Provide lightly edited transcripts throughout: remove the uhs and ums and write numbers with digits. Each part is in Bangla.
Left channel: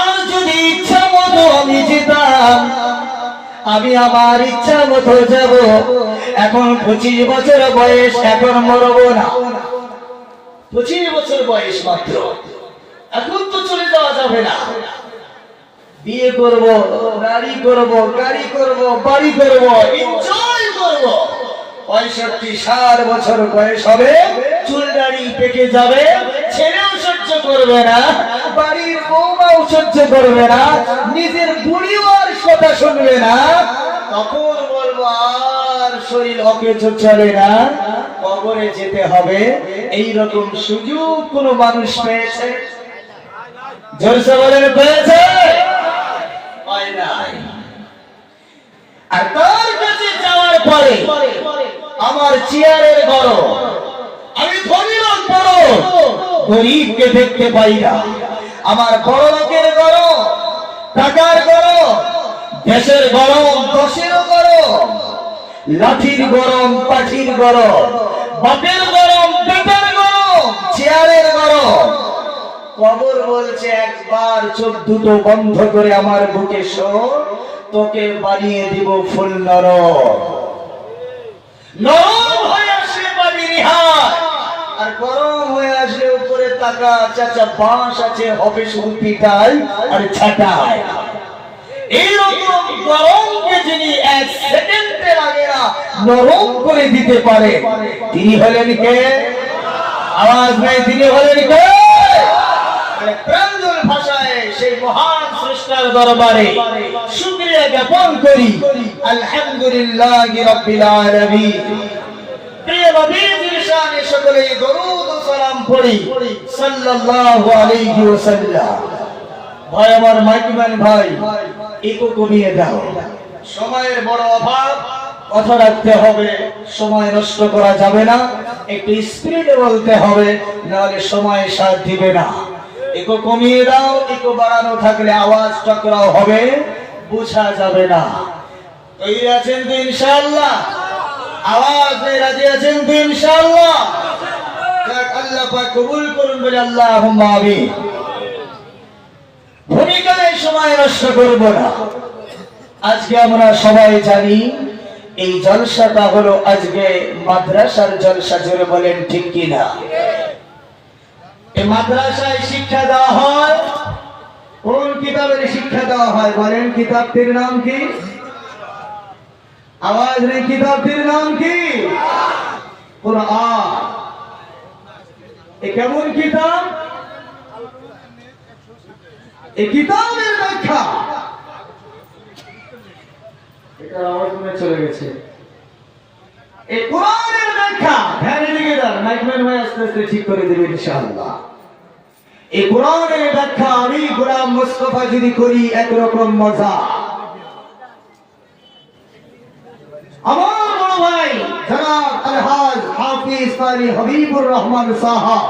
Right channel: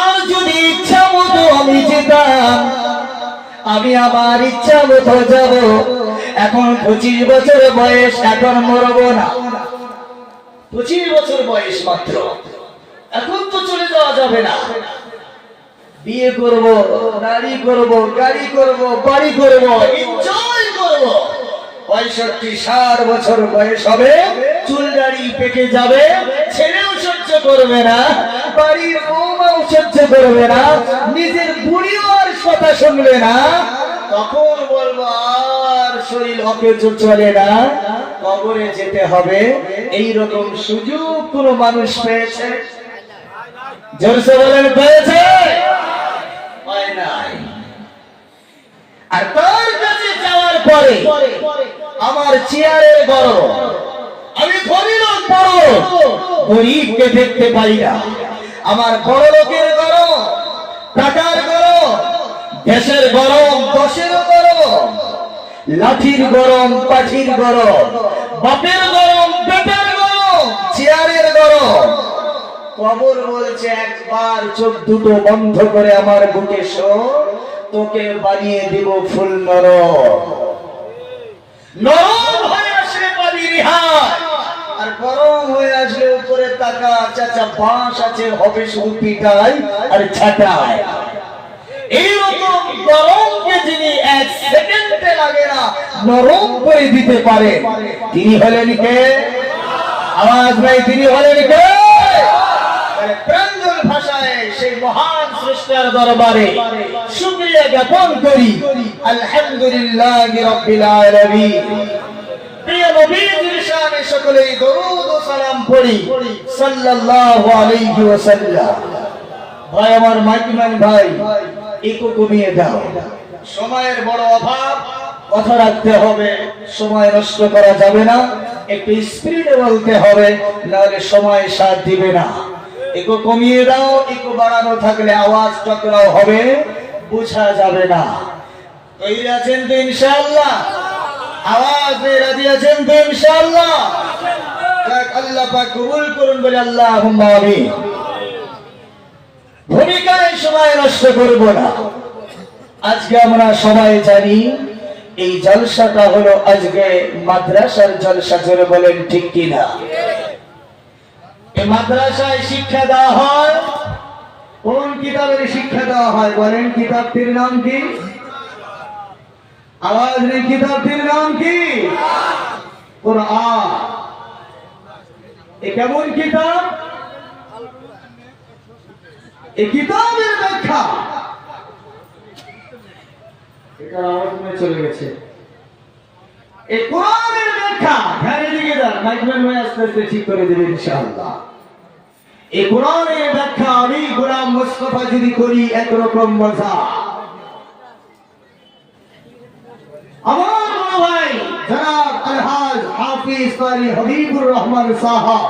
আর যদি ইচ্ছা মতো আমি যেতাম, আমি আমার ইচ্ছা মতো যাব। এখন 25 বছর বয়স, এখন মরবো না। 25 বছর বয়স মাত্র, এখন তো চলে যাওয়া যাবে না। বিয়ে করব, নারী করব, গাড়ি করব, বাড়ি করব, এনজয় করব। 65-60 বছর বয়স হবে, চুল দাড়ি পেকে যাবে, ছেলেও সহ্য করবে না, বাড়ির বউমাও সহ্য করবে না, নিজের বুড়িও আর কথা শুনবে না। তখন বলবো আর শরীর অকেজ চলে না, কবরে যেতে হবে। এইরকম সুযোগ কোন মানুষ পেয়েছে? জোরসে বলেন, পেয়েছে? হয় নাই। আর তার কাছে যাওয়ার পরে আমার চেয়ারের গরম, আমি ধনী লোক বড়, গরিবকে দেখতে পাই না। আমার বড় লোকের গরম, টাকার গরম, দেশের গরম, দশেরও গরম, লাঠির গরম, পাঠির গরম, বাপের গরম, বেটার গরম, চেয়ারের গরম। কবর বলছে একবার চোখ দুটো বন্ধ করে আমার বুকে শো, তোকে বানিয়ে দিব ফুল নরম। নরম হয়ে আসলে বাড়ি রিহাই, আর গরম হয়ে আসলে উপরে টাকা চাচা বাঁশ আছে, হবে শুধু পিটাই আর ছাটাই। এইরকম গরমকে যিনি 1 সেকেন্ডে লাগে না নরম করে দিতে পারে, তিনি হলেন কে? আওয়াজ নাই, তিনি হলেন কে? প্রাঞ্জল ভাষায় সেই মহান স্রষ্টার দরবারে শুকরিয়া জ্ঞাপন করি। আলহামদুলিল্লাহি রাব্বিল আলামিন। প্রিয় নবীজির শানে সকলেই দরুদ ও সালাম পড়ি সাল্লাল্লাহু আলাইহি ওয়াসাল্লাম। ভাই আমার, মাইকম্যান ভাই, একটু কমিয়ে দাও, সময়ের বড় অভাব, কথা রাখতে হবে, সময় নষ্ট করা যাবে না, একটু স্পিডে বলতে হবে, নাহলে সময় সাথ দিবে না। একটু কমিয়ে দাও, একটু বাড়ানো থাকলে আওয়াজ টকরাও হবে, বোঝা যাবে না। তৈরি আছেন তো ইনশাআল্লাহ? আওয়াজ রাজি আছেন তো ইনশাআল্লাহ? আল্লাহ পাক কবুল করুন বলে আল্লাহুম্মা আমিন। ভূমিকায় সময় নষ্ট করব না। আজকে আমরা সবাই জানি এই জলসাটা হলো আজকে মাদ্রাসার জলসা। জোরে বলেন ঠিক কিনা? এই মাদ্রাসায় শিক্ষা দেওয়া হয়, কোন কিতাবের শিক্ষা দেওয়া হয় বলেন? কিতাবটির নাম কি? আওয়াজ নেই, কিতাবটির নাম কি? কুরআন। এ কেমন কিতাব? এই কিতাবের ব্যাখ্যা, এটা আওয়াজ চলে গেছে। এই কোরআনের ব্যাখ্যা ধ্যানে দিকে যান, মাইকম্যান ভাই আস্তে আস্তে ঠিক করে দেবে ইনশাআল্লাহ। এই কোরআনের ব্যাখ্যা আমি গোলাম মুস্তাফা যদি করি একরকম মজা। আমার বড় ভাই জনাব আলহাজ হাফিজ কারি হাবিবুর রহমান সাহাব,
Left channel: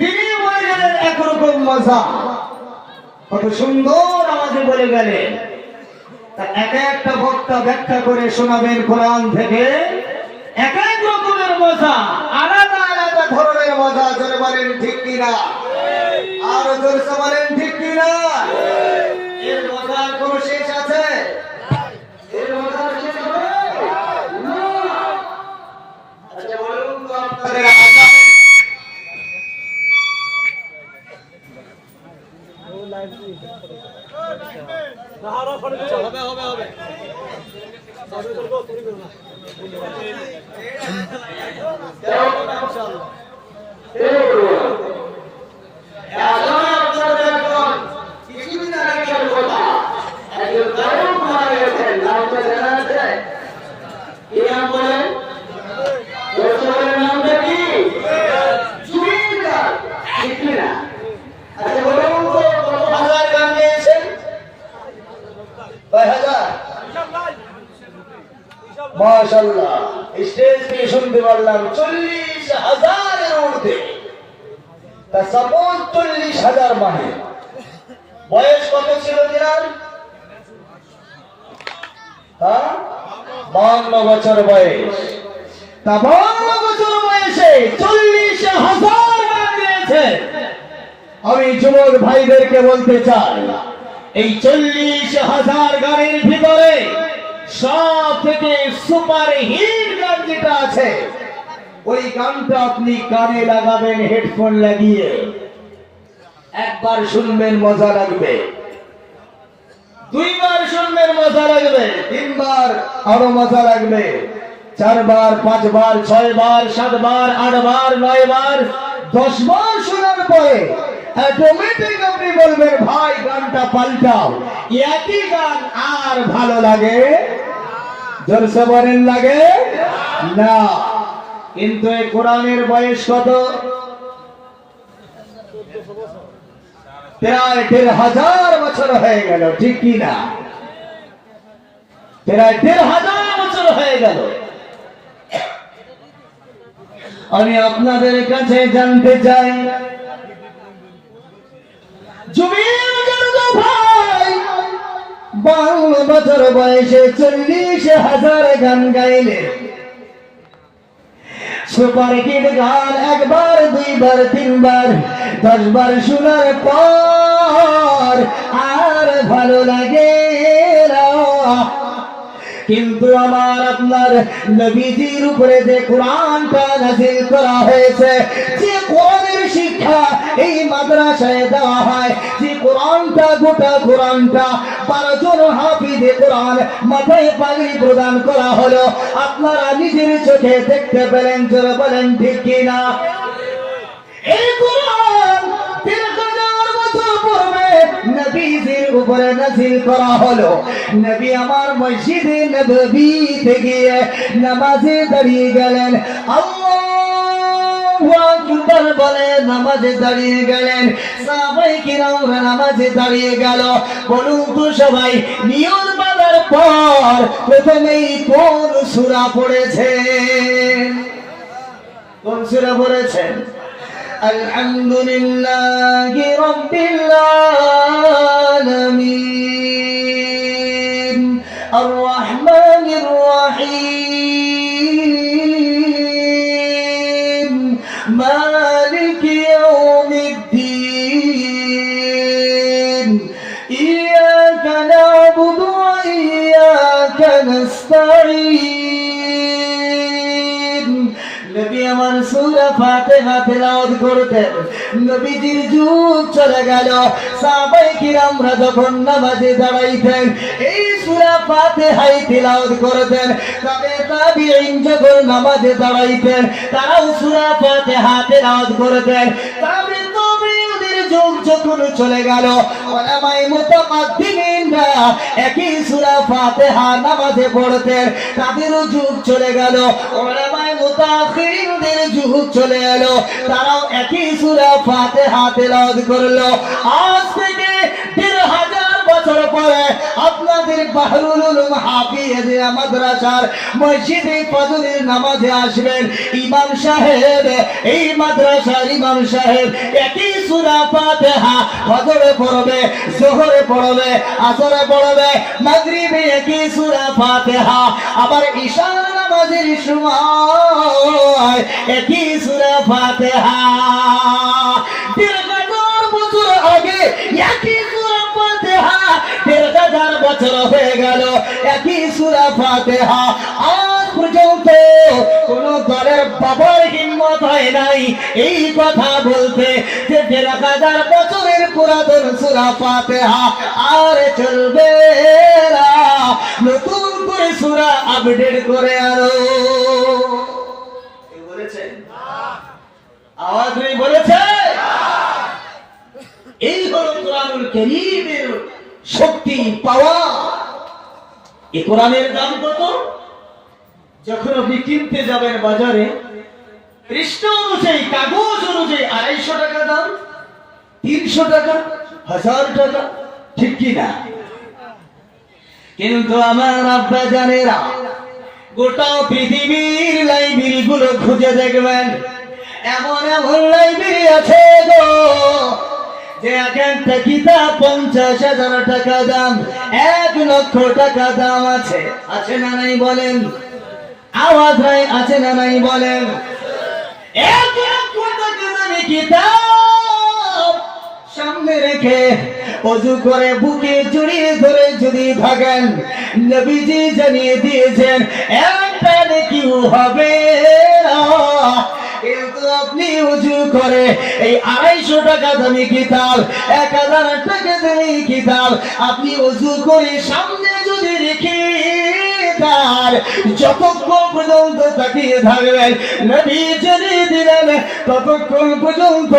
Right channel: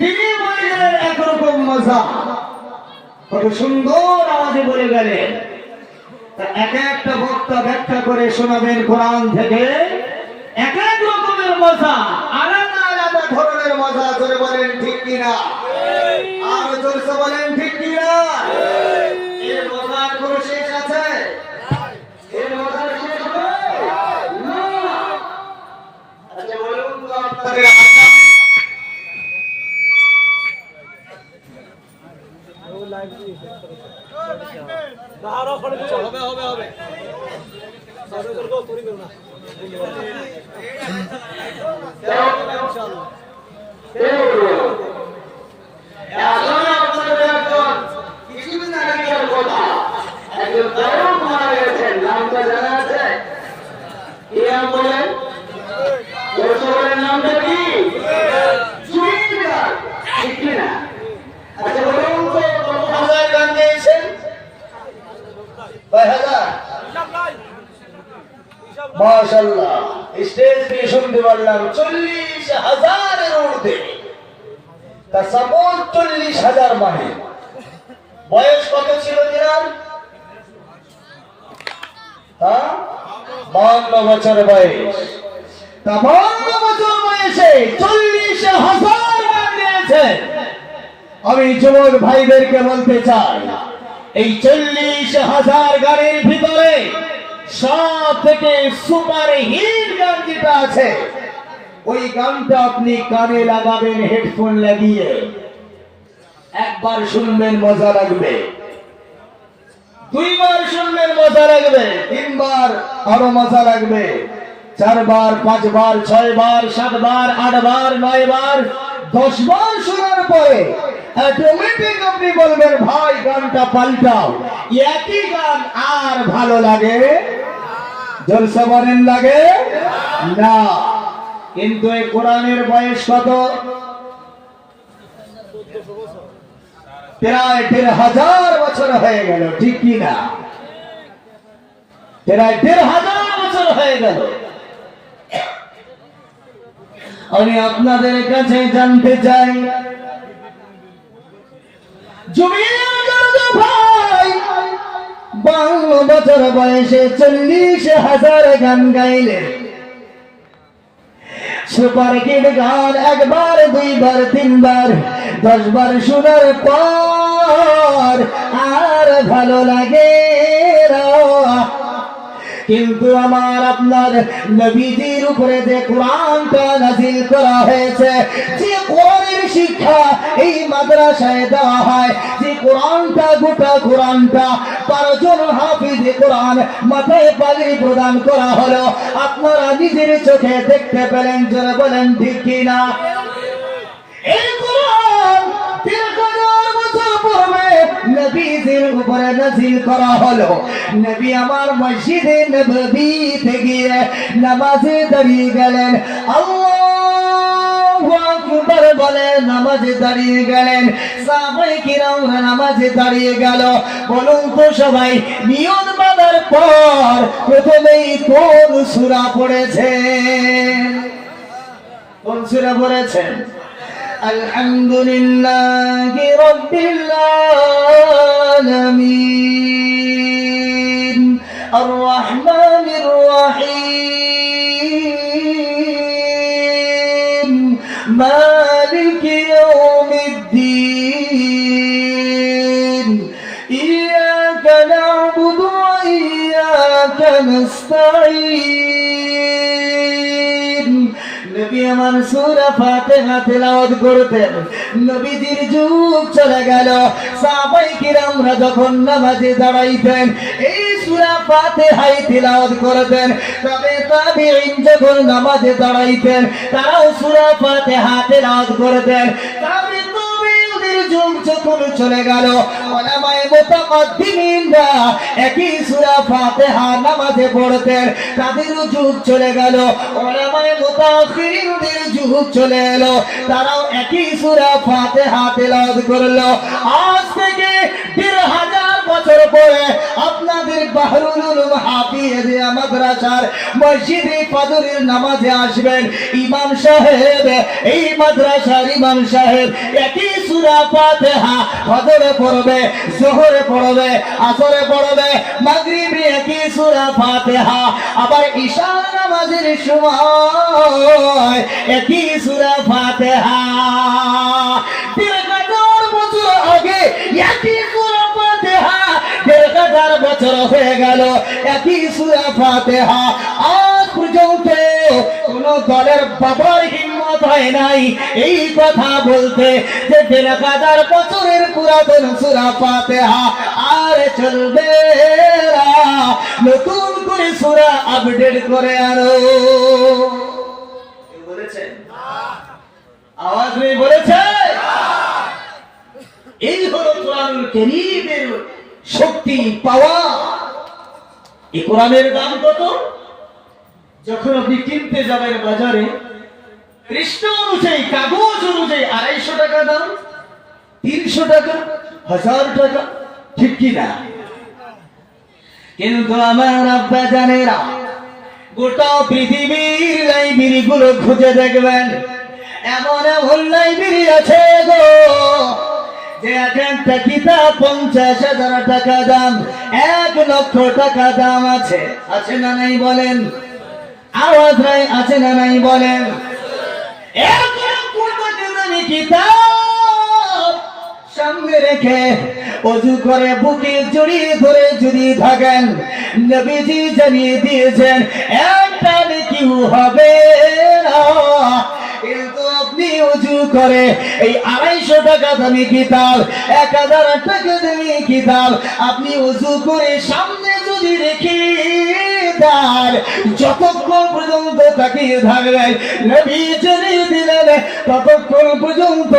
তিনি বলে গেলেন একরকম মজা। কত সুন্দর আওয়াজে বলে গেলেন। তা এক একটা বক্তা ব্যাখ্যা করে শোনাবেন কোরআন থেকে, এক এক রকমের মজা, আলাদা আলাদা ধরনের মজা। জোরে বলেন ঠিক কিনা? আর জোরে বলেন ঠিক কিনা? এর মজার কোনো শেষ আছে? এর মজার শেষ হবে না। আচ্ছা বলুন তো আপনাদের হবে কিছুদিন আগেকার কথা, একজন গায়ক মারা গেছেন, নামটা জানা আছে? কি নাম বলেন? নামটা কি? জুবিন, ঠিক না? আচ্ছা বলুন তো কত ভাষায় গান গেয়েছেন? মাশাআল্লাহ, স্টেজ থেকে শুনতে পারলাম 40,000-এর ঊর্ধ্বে। তা সাপোজ 40,000 মানে বয়স কত ছিল তিনার? 52 বছর বয়স। তা 52 বছর বয়সে 40,000 গান গেয়েছে। আমি যুবক ভাইদেরকে বলতে চাই, এই 40,000 গানের ভিতরে সব থেকে সুপার হিট গান যেটা আছে, ওই গানটা আপনি কানে লাগাবেন হেডফোন লাগিয়ে, একবার শুনবেন মজা লাগবে, দুইবার শুনবেন মজা লাগবে, তিনবার আরো মজা লাগবে, 4 বার 5 বার 6 বার 7 বার 8 বার 9 বার 10 বার শোনার পরে অটোমেটিক আপনি বলবেন ভাই গানটা পাল্টাও, একই গান আর ভালো লাগে? জলসা বলেন লাগে না। কিন্তু এই কোরআনের বয়স কত? প্রায় 1,500 বছর হয়ে গেল, ঠিক কি না? প্রায় 1,500 বছর হয়ে গেল। আমি আপনাদের কাছে জানতে চাই, ভাই 52 বছর বয়সে 40,000 গান গাইলেন, সুপার হিট গান একবার 2 বার 3 বার 10 বার শোনার পর আর ভালো লাগে না। কিন্তু আমার আপনার নবীজির উপরে যে কোরআনটা নাযিল করা হয়েছে, যে কোরআনের শিক্ষা এই মাদ্রাসায় দেওয়া হয়, যে কোরআনটা গোটা কোরআনটা 12 জন হাফিজে কোরআন মাথায় পাগড়ি প্রদান করা হলো, আপনারা নিজের চোখে দেখতে পেলেন, জোরে বলেন ঠিক কিনা? এই কোরআন 3,000 বছর পূর্বে নবীজির উপরে নাযিল করা হলো। নবী আমার মসজিদে নববীতে গিয়ে নামাজে দাঁড়িয়ে গেলেন, আল্লাহু আকবার বলে নামাজে দাঁড়িয়ে গেলেন, সাহাবায়ে কিরাম নামাজে দাঁড়িয়ে গেল। বলুন তো সবাই, নিয়ত বাঁধার পর প্রথমেই কোন সূরা পড়েছেন? কোন সূরা পড়েছেন? আলহামদুলিল্লাহি রাব্বিল আলামিন আর রহমানির রহিম মালিকি ইয়াউমিদ্দিন ইয়াকা না'বুদু ওয়া ইয়াকা নাস্তাঈন। নবী আমার সূরা ফাতিহা তেলাওয়াত করতেন, নবীজির যুগ চলে গেল, সাহাবায়ে কিরামরা যখন নামাজে দাঁড়াইতেন এই সূরা ফাতিহাই তেলাওয়াত করতেন, তবে তাবিঈন যখন নামাজে দাঁড়াইতেন তারাও সূরা ফাতিহা তেলাওয়াত করতেন। তাবিঈনদের যুগ যখন চলে গেল, উলামায়ে মুতাকাদ্দিমিনরা একই সূরা ফাতিহা নামাজে পড়তেন, তাদেরও যুগ চলে গেল। উলামায়ে মুতাআখিরিনদের যুগ চলে এলো, তারাও একই সূরা ফাতিহা তেলাওয়াত করলো। আজ থেকে 1,500 বছর পরে আপনাদের বাহরুল উলুম হাফিজ মাদ্রাসার মসজিদে ফজরের নামাজে আসবেন, ইমাম সাহেব, এই মাদ্রাসার ইমাম সাহেব একই সূরা ফাতিহা ফজরে পড়বে, যোহরে পড়বে, আসরে পড়বে, মাগরিবে একই সূরা ফাতিহা, আবার ঈশা নামাজের সময় একই সূরা ফাতিহা। 1,500 বছর আগে একই সূরা ফাতিহা, 1,500 বছর হয়ে গেল একই সূরা ফাতিহা। আজ পর্যন্ত কোন দলের বাবার হিম্মত হয় নাই এই কথা বলতে যে 1,500 বছরের পুরাতন সূরা ফাতিহা আর চলবে না, নতুন করে সূরা আপডেট করে আনো। কে বলেছেন? আওয়াজ নেই বলেছে? এই হলো কোরআনুল কারীমের শক্তি, পাওয়া। এই কোরআনের দাম কত? যখন আপনি কিনতে যাবেন বাজারে, পৃষ্ঠা অনুযায়ী, কাগজ অনুযায়ী 250 টাকা দাম, 300 টাকা, 1000 টাকা, ঠিক কি না? কিন্তু আমার আব্বা জানেরা, গোটা পৃথিবীর লাইব্রেরি গুলো খুঁজে দেখবেন, এমন এমন লাইব্রেরি আছে গো, যে এক একটা কিতাব 50,000 টাকা দাম, 1 লক্ষ টাকা দাম আছে। আছে না নাই বলেন? আওয়াজ নাই, আছে না নাই বলেন? 1 লক্ষ টাকা দামি কিতাব সামনে রেখে ওযু করে বুকে জড়িয়ে ধরে যদি থাকেন, নবীজি জানিয়ে দিয়েছেন একটা নেকিও হবে না। কিন্তু আপনি ওযু করে এই 250 টাকা দামি কিতাব, 1000 টাকা দামি কিতাব আপনি ওযু করে সামনে যদি রেখে দেন, যতক্ষণ পর্যন্ত তাকিয়ে থাকবেন, নবী জানিয়ে দিলেন ততক্ষণ পর্যন্ত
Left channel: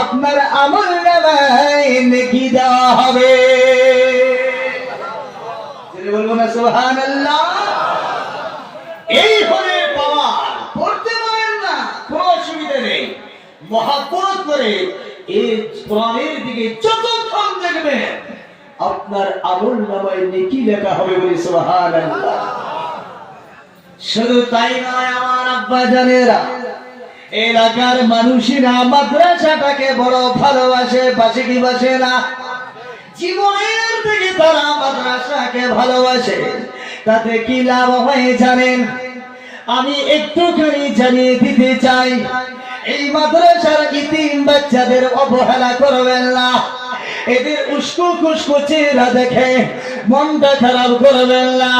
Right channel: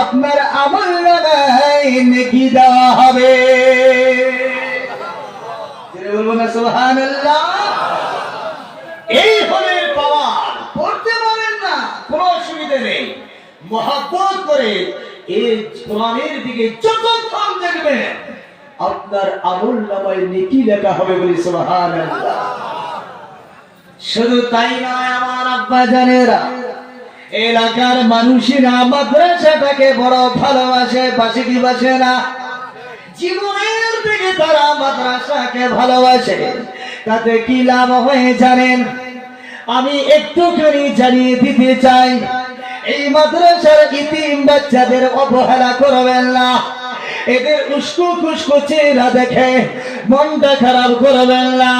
আপনার আমলনামায় নেকি দেওয়া হবে। বলবো না সুবহানাল্লাহ? এই হলে পাওয়ার, পড়তে পারেন না কোনো অসুবিধা নেই, মহব্বত করে এই কোরআনের দিকে যতক্ষণ দেখবেন আপনার আমলনামায় নেকি লেখা হবে। বলি সুবহানাল্লাহ। শুধু তাই নয় আমার আব্বা জানেরা, এলাকার মানুষেরা মাদ্রাসাটাকে বড় ভালোবাসে, বাসে কি বাসে না? জীবনের থেকে তারা মাদ্রাসাকে ভালোবাসে। তাতে কি লাভ হয় জানেন? আমি একটুখানি জানিয়ে দিতে চাই, এই মাদ্রাসার ইতিম বাচ্চাদের অবহেলা করবেন না। এদের উস্কো খুস্কো চেহারা দেখে মনটা খারাপ করবেন না।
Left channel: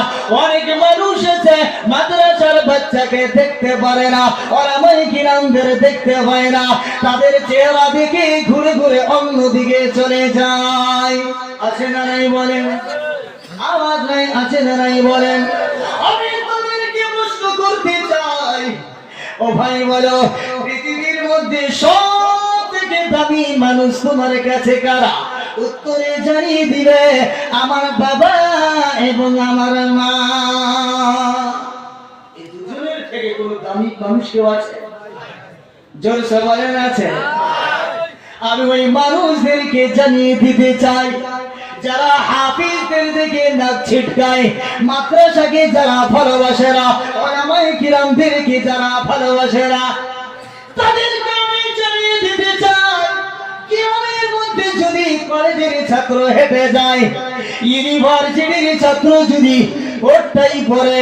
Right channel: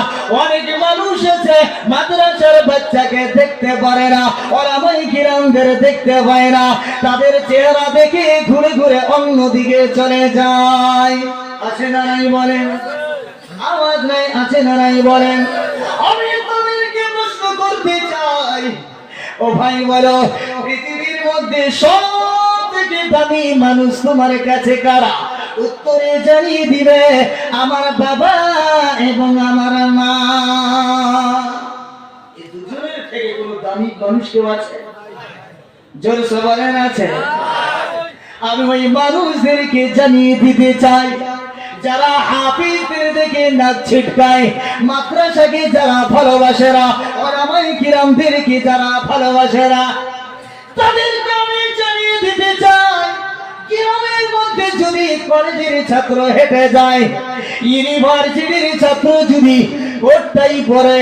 অনেক মানুষ আছে মাদ্রাসার বাচ্চাকে দেখতে পারে না, ওলামায়ে কিরামদের দেখতে পায় না, তাদের চেহারা দেখে ঘুরে ঘুরে অন্যদিকে চলে যায়। আছে না নাই বলেন? আওয়াজ নাই, আছে না নাই বলেন? আমি তাদেরকে প্রশ্ন করতে চাই, ও ভাই বলো, পৃথিবীর মধ্যে সব থেকে দামি মানুষ তোমার কাছে কারা? উত্তরে জানিয়ে দিবে আমার বাবা এবং আমার মা। এই দুজনের থেকে কোনো দামি মানুষ কেউ আছে? জোরসে বলেন আছে? আমি ওই মানুষদেরকে জানিয়ে দিতে চাই, যারা হাফিজদের দিকে নাক ছিটকায়, মাদ্রাসাকে যারা ভালোবাসে না, ওলামায়ে কিরামদেরকে যারা ভালোবাসে না, তাদেরকে আমি জানিয়ে দিতে চাই, কিয়ামের মধ্যে যদি কলেজের ছাত্র হেঁটে যায়, ইউনিভার্সিটির ছাত্র যদি কোটটাই পরে,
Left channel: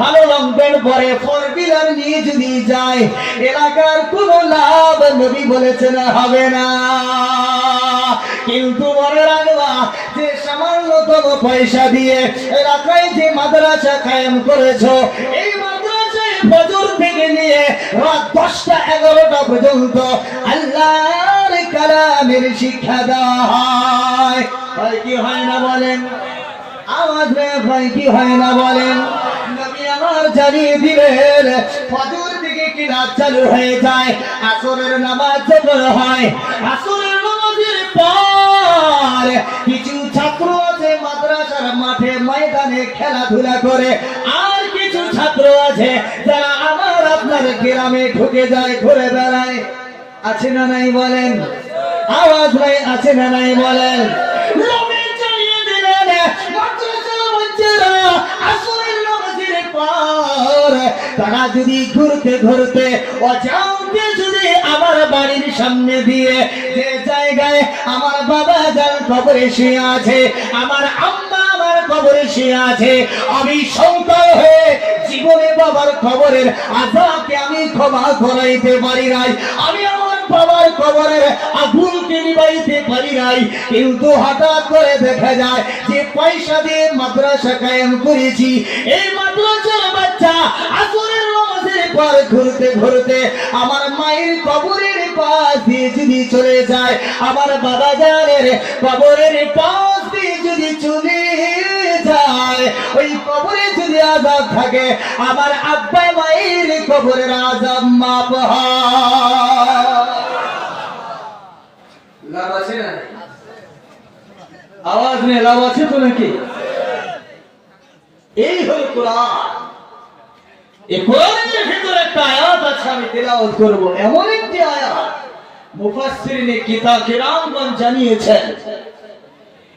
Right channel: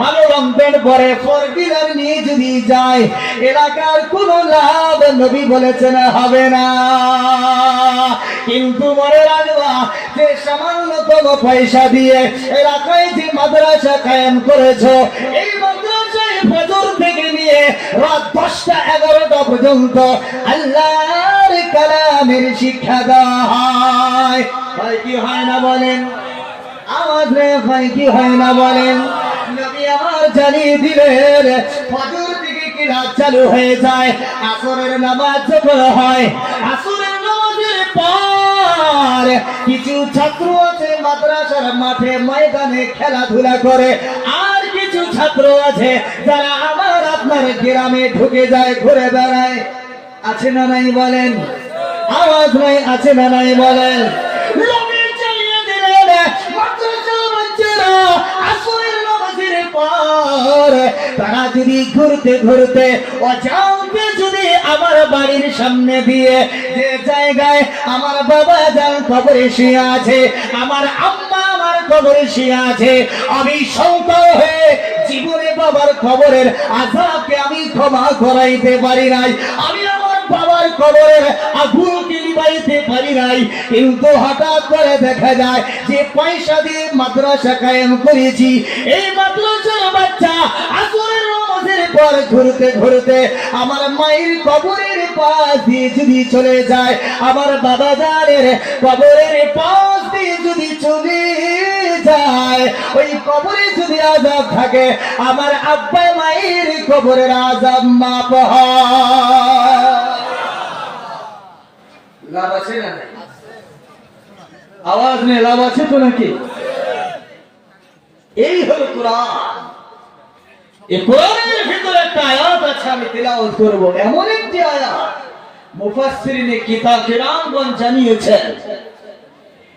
ভালো রং প্যান্ট পরে, 4 হুইলার নিয়ে যদি যায়, এলাকার কোনো লাভ নবী বলেছেন হবে না। কিন্তু মনে রাখবা, যে সামান্যতম পয়সা দিয়ে এলাকায় যে মাদ্রাসা কায়েম করেছো, এই মাদ্রাসায় ফজর থেকে নিয়ে রাত 10টা 11টা পর্যন্ত আল্লাহর কালামের শিক্ষা দেওয়া হয়। ভাই কি হয় না বলেন? আওয়াজ রে ভাই কি হয় না বলেন? নবী আমার জানিয়ে দিলেন ফজর থেকে কি রাত চালু হয়ে যায়, আসরের নামাজ যখন হয়, আসরের নামাজের পর কিছু ছাত্র আছে মাদ্রাসার মাঠে ময়দানে খেলাধুলা করে, আর কিছু ছাত্র আছে যারা আমার আপনার গ্রামে ঢুকে যায়, ঘুরে বেড়ায়। আছে না নাই বলেন? আওয়াজ নাই, আছে না নাই বলেন? তারা যদি ঘুরতে ঘুরতে অজান্তে যদি আমার বাড়ির সামনে দিয়ে, যে জায়গায় আমার বাবা যার কবরে শুয়ে আছে, আমার আম্মা আমার কবরে শুয়ে আছে, আমি সন্তান হয়ে জীবনে বাবার কবরের আযাবকে আমি ক্ষমা করাইতে পারি নাই, আমি বাবার কবরের আগুনকে নিভাইতে পারি নাই, কিন্তু হঠাৎ করে দেখা যায় যে পয়সা দিয়ে মাদ্রাসা কায়েম করেছি, এই মাদ্রাসার বাচ্চা আসরের নামাজের পর ঘুরতে ঘুরতে আমার মায়ের কবরের পাশ দিয়ে যদি চলে যায়, আমার বাবা জানের কবরের পাশ দিয়ে যদি চলে যায়, ওই কবরে যদি আযাব থাকে, আমার আব্বা মায়ের কবরের আযাব মাপ হয়। লাভ আছে না? আওয়াজ নেই, লাভ আছে তো নাকি? এই হলো কোরআন। এই কোরআনের ভিতরে একটা আয়াত আছে, আমি তেলাওয়াত করব। এমন একটি আয়াত মুফাসসিরিনে কিতাব কিরামগণ জানিয়েছেন,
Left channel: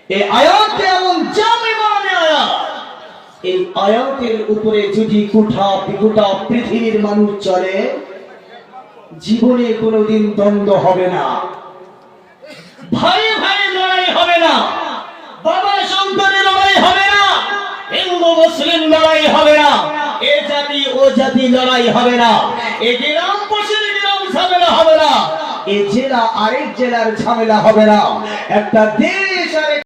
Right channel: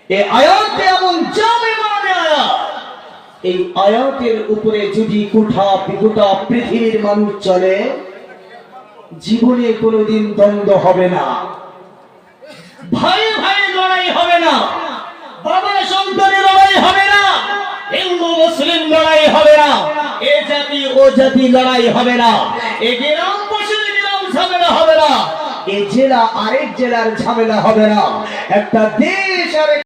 এই আয়াতটি এমন জামে মানে আয়াত, এই আয়াতের উপরে যদি গোটা পৃথিবীর মানুষ চলে, জীবনে কোনোদিন দ্বন্দ্ব হবে না, ভাই ভাই লড়াই হবে না, বাবা সন্তানের লড়াই হবে না, হিন্দু মুসলিম লড়াই হবে না, এ জাতি ও জাতি লড়াই হবে না, এ গ্রাম পশুর গ্রাম ঝগড়া হবে না, এই জেলা আরেক জেলার ঝামেলা হবে না। একটা দেশ আরেক